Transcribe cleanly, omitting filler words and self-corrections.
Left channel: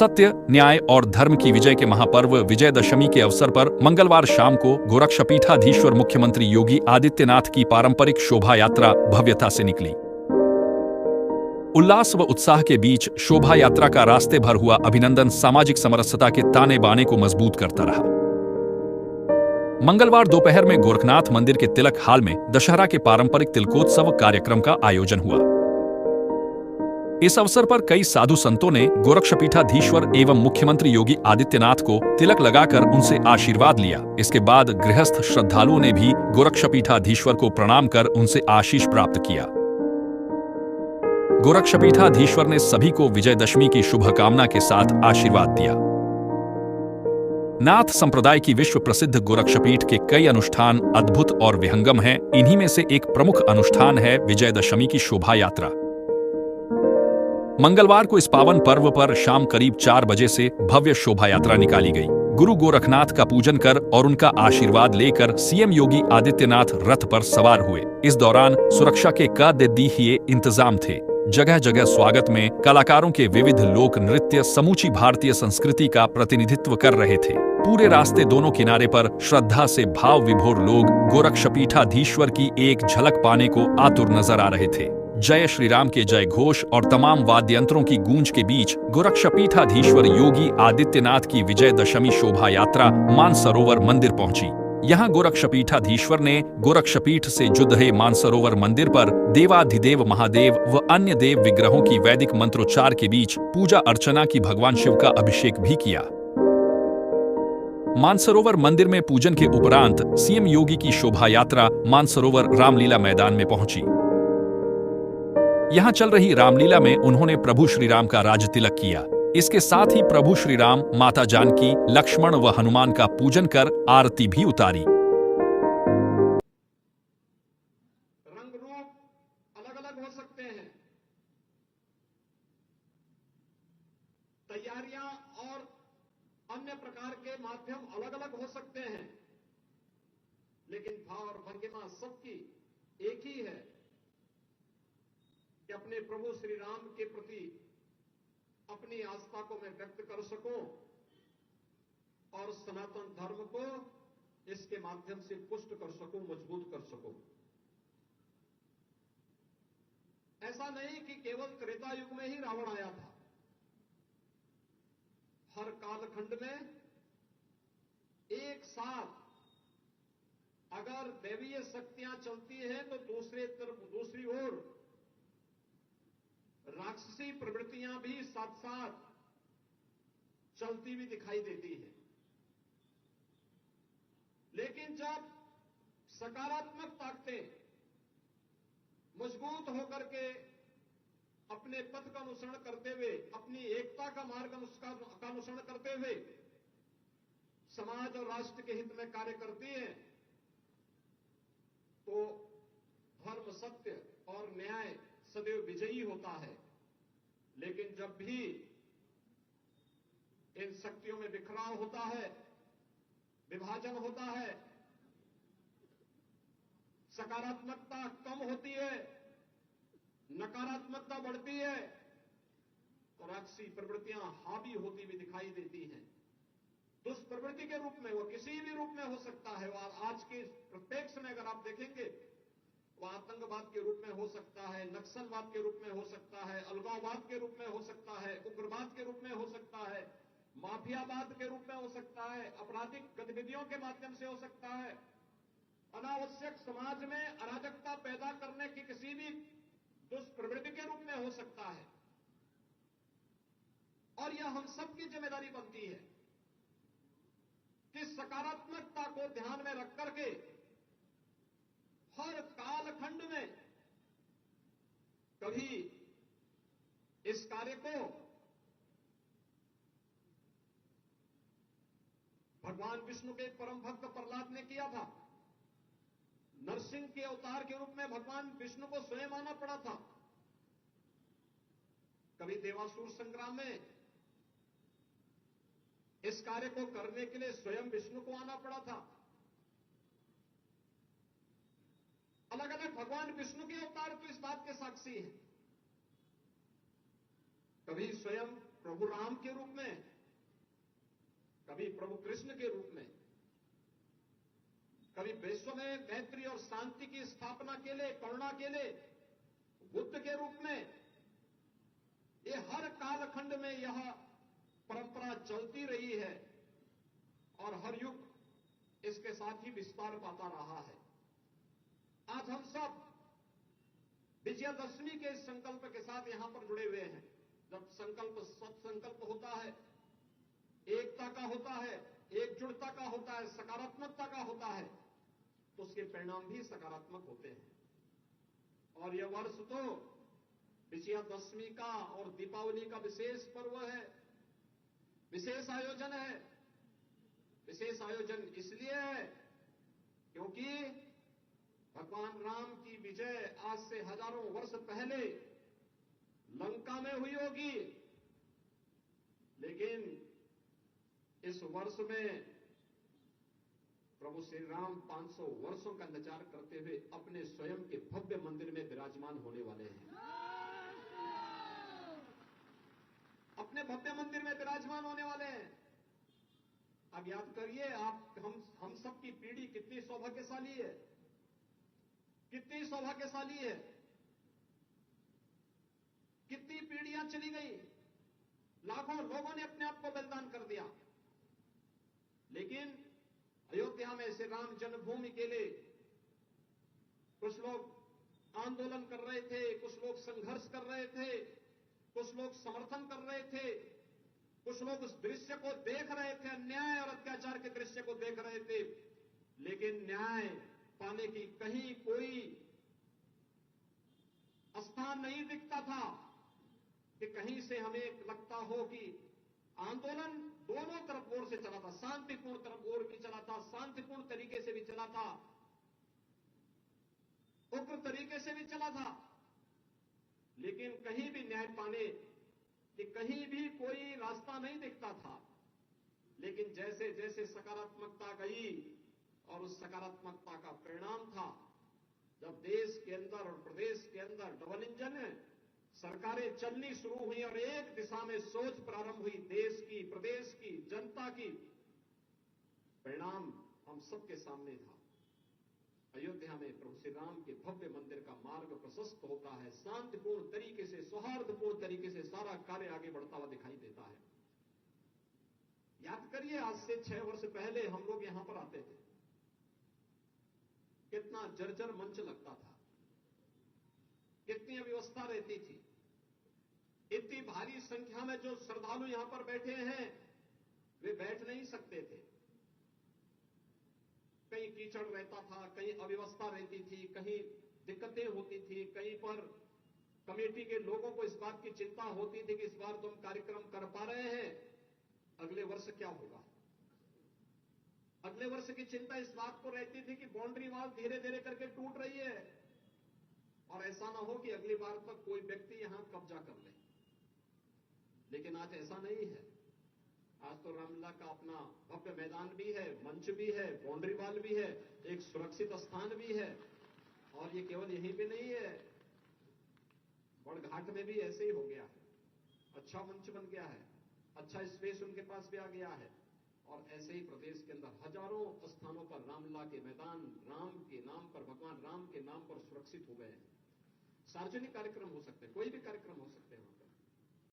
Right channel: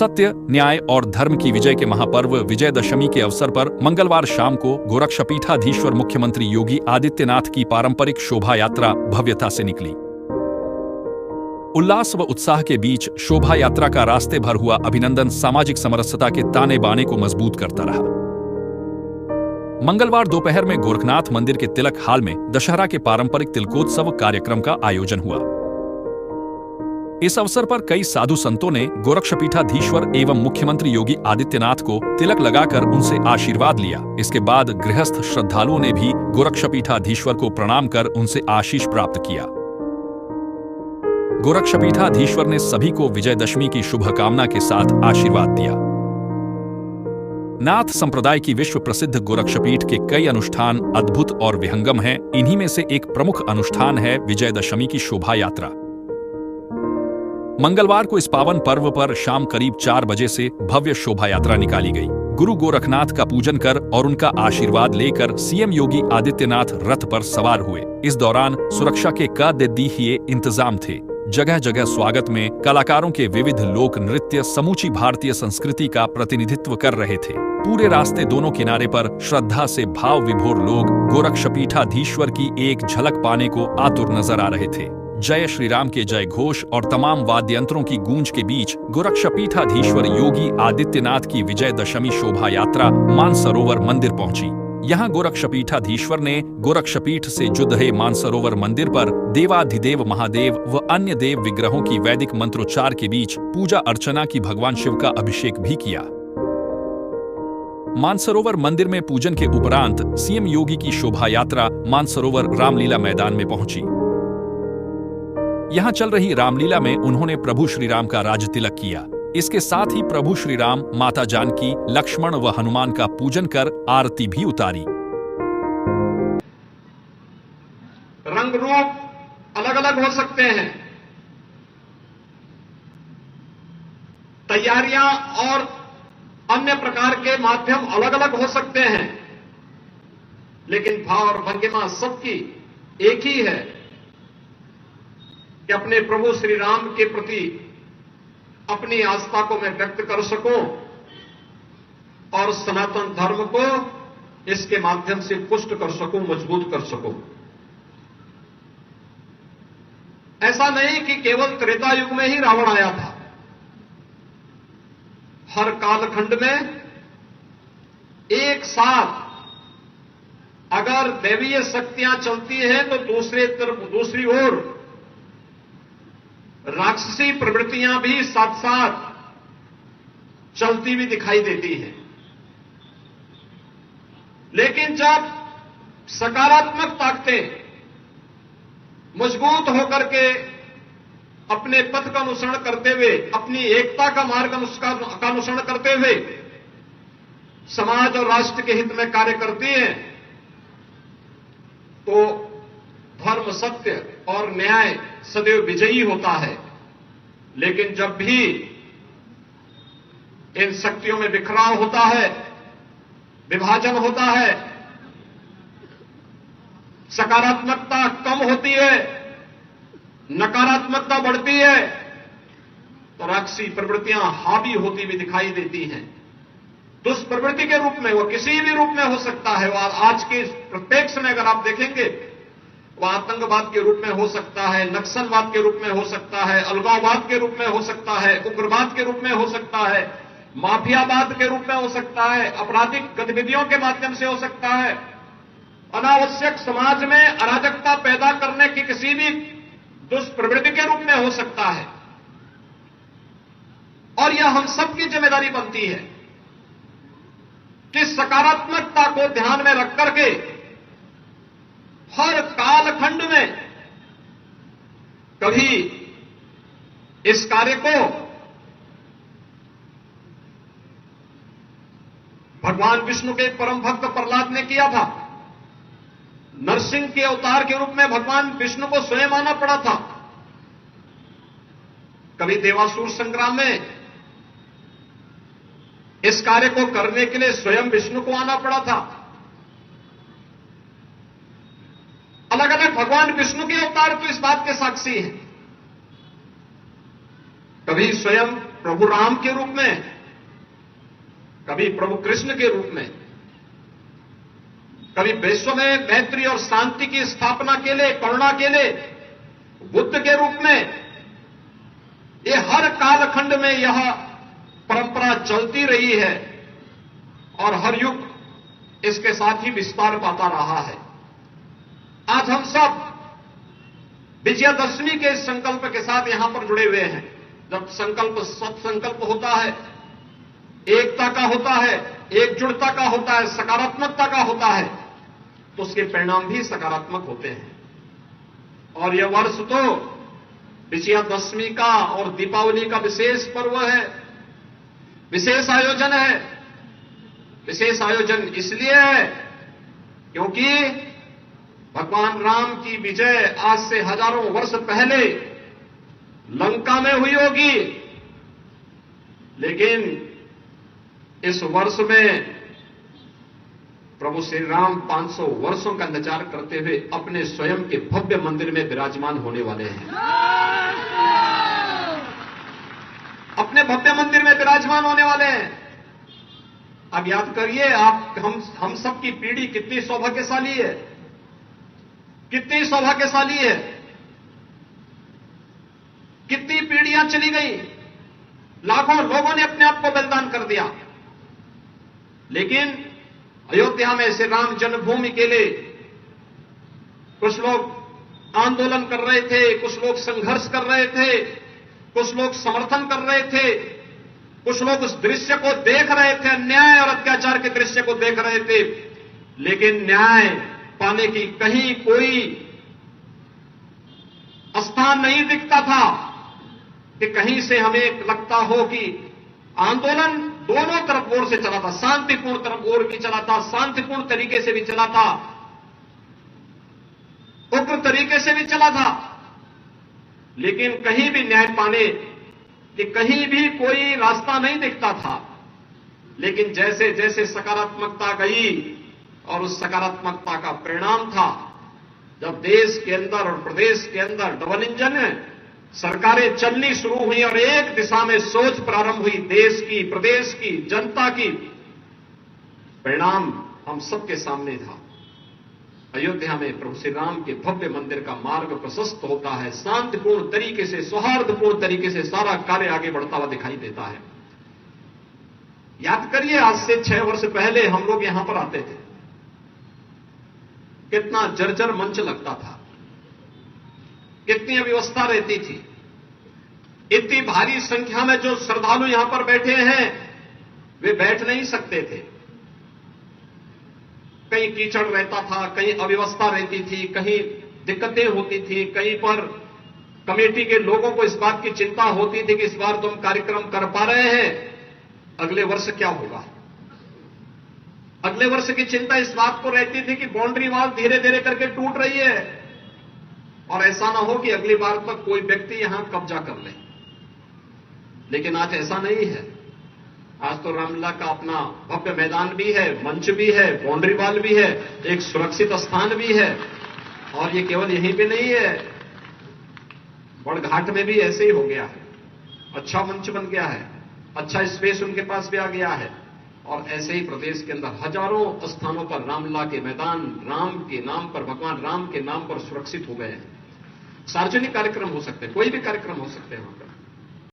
सत्य, न्याय और धर्म की विजय के महापर्व विजयदशमी के अवसर पर मंगलवार शाम को गोरक्षपीठाधीश्वर मुख्यमंत्री योगी आदित्यनाथ की पारंपरिक शोभा यात्रा भव्यता से निकली। उल्लास व उत्साह के बीच शोभा यात्रा का रास्ते भर हुआ अभिनंदन सामाजिक समरसता के ताने बाने को मजबूत करता रहा। मंगलवार दोपहर में गोरखनाथ मंदिर के तिलक हाल में दशहरा के पारंपरिक तिलकोत्सव कार्यक्रम का आयोजन हुआ। इस अवसर पर कई साधु संतों ने गोरक्षपीठाधीश्वर एवं मुख्यमंत्री योगी आदित्यनाथ को तिलक लगाकर उनसे आशीर्वाद लिया। इसके बाद गृहस्थ श्रद्धालुओं ने भी गोरक्षपीठाधीश्वर को प्रणाम कर उनसे आशीष प्राप्त किया। गोरक्षपीठाधीश्वर ने सभी को विजयदशमी की शुभकामना के साथ आशीर्वाद दिया। नाथ संप्रदाय की विश्व प्रसिद्ध गोरक्षपीठ के कई अनुष्ठान अद्भुत और विहंगम हैं। इन्हीं में से एक प्रमुख अनुष्ठान है विजयदशमी की शोभा यात्रा। मंगलवार को इस पावन पर्व पर शाम करीब 4 बजे से भव्य शोभा यात्रा निकाली गई। गुरु गोरखनाथ का पूजन कर और उनका आशीर्वाद लेकर सीएम योगी आदित्यनाथ रथ पर सवार हुए। इस दौरान सुरक्षा के कड़े इंतजाम थे। जगह जगह स्वागत में कलाकारों के विविध लोक नृत्य समूची भारतीय संस्कृति का प्रतिनिधित्व कर रहे थे। पूरे रास्ते दोनों किनारे पर श्रद्धा से भाव विभोर लोग गोरक्षपीठाधीश्वर की एक झलक पाने को आतुर नजर आ रहे थे। जय श्री राम के जय घोष और तमाम वाद्य यंत्रों की गूंज के बीच गोरक्षपीठाधीश्वर योगी आदित्यनाथ की विजयदशमी शोभा यात्रा मानसरोवर मंदिर पहुंची। यहाँ गोरक्षपीठाधीश्वर ने गोरक्षपीठ से जुड़ रहे मानसरोवर मंदिर पर देवाधिदेव महादेव व अन्य देव विग्रहों की वैदिक मंत्रोच्चार के बीच पूजा अर्चना की भगवान शिव का अभिषेक भी किया। मानसरोवर मंदिर में पूजन के उपरांत सीएम योगी की शोभा यात्रा मानसरोवर रामलीला मैदान में पहुंची। यहां चल रही रामलीला में उन्होंने प्रभु श्री राम का राज तिलक किया। इसके साथ ही प्रभु श्री राम, माता जानकी, लक्ष्मण व हनुमान का पूजन कर आरती भी उतारी। रंग रूप अलग अलग हो सकते हैं, तैयारियां और अन्य प्रकार के माध्यम अलग अलग हो सकते हैं, लेकिन भाव और भंगिमा सबकी एक ही है कि अपने प्रभु श्री राम के प्रति अपनी आस्था को मैं व्यक्त कर सकूं और सनातन धर्म को इसके माध्यम से पुष्ट कर सकूं, मजबूत कर सकूं। ऐसा नहीं कि केवल त्रेता युग में ही रावण आया था। हर कालखंड में एक साथ अगर दैवीय शक्तियां चलती हैं तो दूसरी ओर राक्षसी प्रवृत्तियां भी साथ साथ चलती हुई दिखाई देती हैं। लेकिन जब सकारात्मक ताकतें मजबूत होकर के अपने पथ का अनुसरण करते हुए, अपनी एकता का मार्ग का अनुसरण करते हुए समाज और राष्ट्र के हित में कार्य करती हैं, तो धर्म, सत्य और न्याय सदैव विजयी होता है। लेकिन जब भी इन शक्तियों में बिखराव होता है, विभाजन होता है, सकारात्मकता कम होती है, नकारात्मकता बढ़ती है, तो राक्षसी प्रवृत्तियां हावी होती हुई दिखाई देती हैं। दुष्प्रवृत्ति के रूप में, वो किसी भी रूप में हो सकता है। वह आज के प्रत्यक्ष में अगर आप देखेंगे, वह आतंकवाद के रूप में हो सकता है, नक्सलवाद के रूप में हो सकता है, अलगाववाद के रूप में हो सकता है, उग्रवाद के रूप में हो सकता है, माफियावाद के रूप में हो सकता है, आपराधिक गतिविधियों के माध्यम से हो सकता है, अनावश्यक समाज में अराजकता पैदा करने की किसी भी दुष्प्रवृत्ति के रूप में हो सकता है। और यह हम सबकी जिम्मेदारी बनती है कि सकारात्मकता को ध्यान में रख करके हर कालखंड में कभी इस कार्य को भगवान विष्णु के परम भक्त प्रहलाद ने किया था। नरसिंह के अवतार के रूप में भगवान विष्णु को स्वयं आना पड़ा था। कभी देवासुर संग्राम में इस कार्य को करने के लिए स्वयं विष्णु को आना पड़ा था। अलग अलग भगवान विष्णु के अवतार तो इस बात के साक्षी हैं। कभी स्वयं प्रभु राम के रूप में, कभी प्रभु कृष्ण के रूप में, कभी विश्व में मैत्री और शांति की स्थापना के लिए, करुणा के लिए बुद्ध के रूप में। ये हर कालखंड में यह परंपरा चलती रही है और हर युग इसके साथ ही विस्तार पाता रहा है। आज हम सब विजयादशमी के संकल्प के साथ यहां पर जुड़े हुए हैं। जब संकल्प सत्संकल्प होता है, एकता का होता है, एकजुटता का होता है, सकारात्मकता का होता है, तो उसके परिणाम भी सकारात्मक होते हैं। और यह वर्ष तो विजयादशमी का और दीपावली का विशेष पर्व है, विशेष आयोजन है। विशेष आयोजन इसलिए है क्योंकि भगवान राम की विजय आज से हजारों वर्ष पहले लंका में हुई होगी, लेकिन इस वर्ष में प्रभु श्री राम 500 वर्षों का इंतजार करते हुए अपने स्वयं के भव्य मंदिर में विराजमान होने वाले हैं। अपने भव्य मंदिर में विराजमान होने वाले हैं। अब याद करिए, आप हम सबकी पीढ़ी कितनी सौभाग्यशाली है, कितनी सौभाग्यशाली है। कितनी पीढ़ियां चली गई, लाखों लोगों ने अपने आप को बलिदान कर दिया, लेकिन अयोध्या में श्री राम जन्मभूमि के लिए कुछ लोग आंदोलन कर रहे थे, कुछ लोग संघर्ष कर रहे थे, कुछ लोग समर्थन कर रहे थे, कुछ लोग उस दृश्य को देख रहे थे, अन्याय और अत्याचार के दृश्य को देख रहे थे, लेकिन न्याय पाने की कहीं कोई स्थान नहीं दिखता था कि कहीं से हमें लगता हो कि आंदोलन दोनों तरफ ओर से चला था, शांतिपूर्ण तरफ ओर भी चला था, शांतिपूर्ण तरीके से भी चला था, उग्र तरीके से भी चला था, लेकिन कहीं भी न्याय पाने कि कहीं भी कोई रास्ता नहीं दिखता था। लेकिन जैसे जैसे सकारात्मकता गई और उस सकारात्मकता का परिणाम था जब देश के अंदर और प्रदेश के अंदर डबल इंजन सरकारें चलनी शुरू हुई और एक दिशा में सोच प्रारंभ हुई देश की, प्रदेश की, जनता की, परिणाम हम सबके सामने था। अयोध्या में प्रभु श्री राम के भव्य मंदिर का मार्ग प्रशस्त होता है, शांतिपूर्ण तरीके से, सौहार्दपूर्ण तरीके से सारा कार्य आगे बढ़ता हुआ दिखाई देता है। याद करिए, आज से 6 वर्ष पहले हम लोग यहां पर आते थे, कितना जर्जर मंच लगता था, कितनी अव्यवस्था रहती थी, इतनी भारी संख्या में जो श्रद्धालु यहां पर बैठे हैं वे बैठ नहीं सकते थे। कहीं कीचड़ रहता था, कहीं अव्यवस्था रहती थी, कहीं दिक्कतें होती थी, कहीं पर कमेटी के लोगों को इस बात की चिंता होती थी कि इस बार तुम कार्यक्रम कर पा रहे हैं, अगले वर्ष क्या होगा। अगले वर्ष की चिंता इस बात को रहती थी कि बाउंड्री वॉल धीरे धीरे करके टूट रही है और ऐसा ना हो कि अगली बार तक कोई व्यक्ति यहां कब्जा कर ले। लेकिन आज ऐसा नहीं है। आज तो रामलला का अपना भव्य मैदान भी है, मंच भी है, बाउंड्री वॉल भी है, एक सुरक्षित स्थान भी है। और ये केवल यहीं पे नहीं है, बड़घाट में भी ऐसे ही हो गया है। अच्छा मंच बन गया है, अच्छा स्पेस उनके पास भी आ गया है। और ऐसे ही प्रदेश के अंदर हजारों स्थानों पर रामलला के मैदान राम के नाम पर, भगवान राम के नाम पर सुरक्षित हो गए हैं। सार्वजनिक कार्यक्रम हो सकते हैं, कोई भी कार्यक्रम हो सकते हैं वहां पर।